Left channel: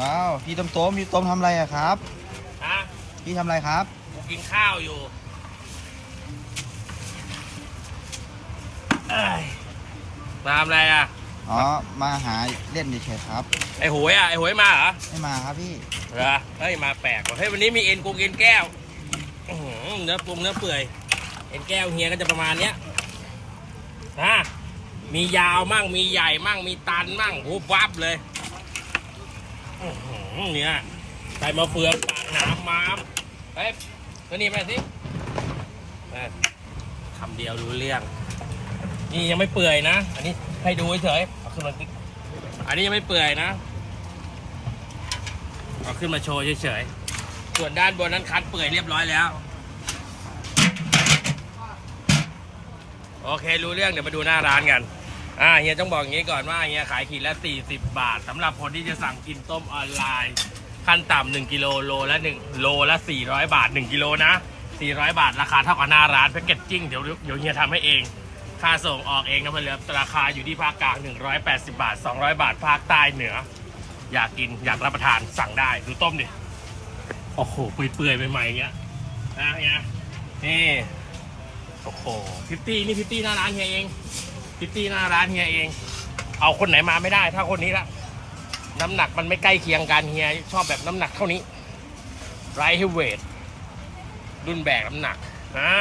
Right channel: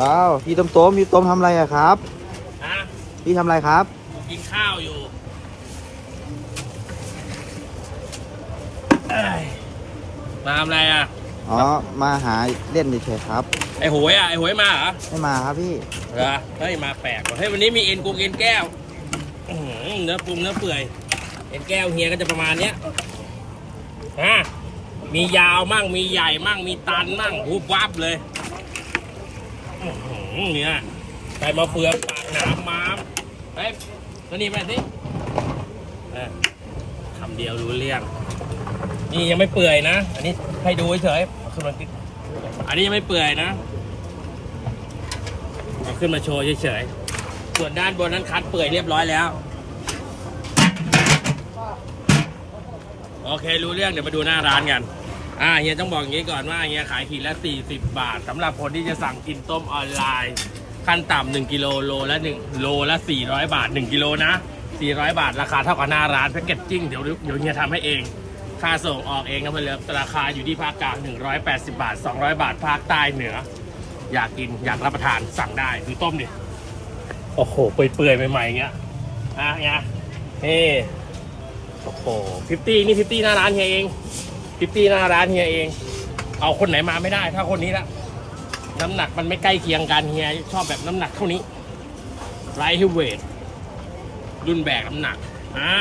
ว้าวพี่ต้มต้มพี่ต้มทำอะไรอะครับ ฮะพี่ทำอะไรครับกูกินข้าวอยู่เอ้ยมาทำอะไรอะ อ๋อมาหาเล่นเฉยๆครับไอ้หวยอะ ไอ้หวยมาเหรอ ไม่มาครับพี่เหรอเฮ้ยมาแปลกว่ะเฮ้ยวันนี้มีเอ็นกูเอ็นแก้วอื้อหือเนื้อปรุงเนื้อเปื่อย เอ็นแก้วเฮียก็จะประมาณเนี้ยฮะมียาวมั่งมีใหญ่มั่งมีตันมั่งหูวับเลย อื้อหือเนี่ยใส่มาเฟืองปากน้ำม้ามเฮ้ยมานี่มาสิเออคำเดียวรู้เรื่อง นี่ยังไม่เปื่อยนะ อันนี้ให้ดูเฉยๆเอาขึ้นมาดิอันนี้ยังไม่เปื่อยนะ เอาขึ้นมาโชว์เฉยๆ ส่วนด้านบนนั้นคัดเปื่อยเรียบร้อยแล้ว โอเครู้เรื่องเดี๋ยวมาดูหน้าร้านกัน อ่าเฮียต้องบอกอย่างนี้ก่อนว่าเฮียขายขีดละ 40 บาทสำหรับคนที่จะสั่งกินต้มออนไลน์ ขั้นต่ำ1กิโลโลละ1โลละ 400 บาท 1กิโลนะ 400 บาท ราคาเท่ากับหน้าร้านแพ็กเกจจิ้งเดี๋ยวเดี๋ยวเฮียทำให้เอง ค่าส่งออกเองนะเพื่อนๆราคาอยู่ที่ภาคกลาง 180 บาท 200 บาท ภาคใต้เหนือ อยากกินอยากรับประทานสั่งได้ดูต้มดิโอ้โหเปื่อยๆใหม่ๆอย่างเงี้ยนะเนี่ยนี่โอ้โหพิตตี้นี่พิตตี้หน้าร้านเฮียเอง พิตตี้หน้าร้านเฮียเอง เอาคนไหนมาไม่ได้ ถ้าคนนี้ละน้ำหนักมันไม่ใกล้เคียงกันเฮียชอบแบบน้ำหนักเท่านี้ไรท์เวทรุ่นแบกน้ำหนักอ่า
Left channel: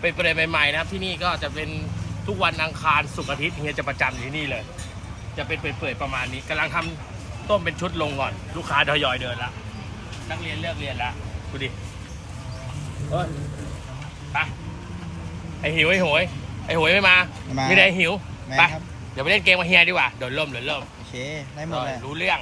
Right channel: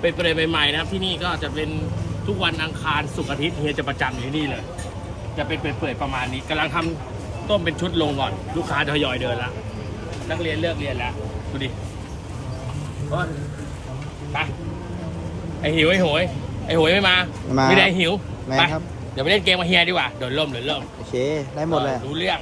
เป็นประเด็นใหม่ๆนะครับ ที่นี่ก็จะเป็นทุกวันอังคารศุกร์อาทิตย์เฮียจะประจำอยู่ที่นี่เลย จะเป็นเปื่อยๆประมาณนี้กำลังทำต้มเป็นชุดลงก่อน ลูกค้าทยอยเดินล้วนักเรียนเลิกเรียนล้วดูดิโอ้ยไปไอหิวไอหวย ไอหวยไม่มาไม่มาไม่ได้ไอ้หิว ไม่ไป ครับ เดี๋ยวไปเล่นเกมมาเฮียดีกว่า โดนล่มโดนล่มโอเค ได้หมดเลย รู้เรื่อง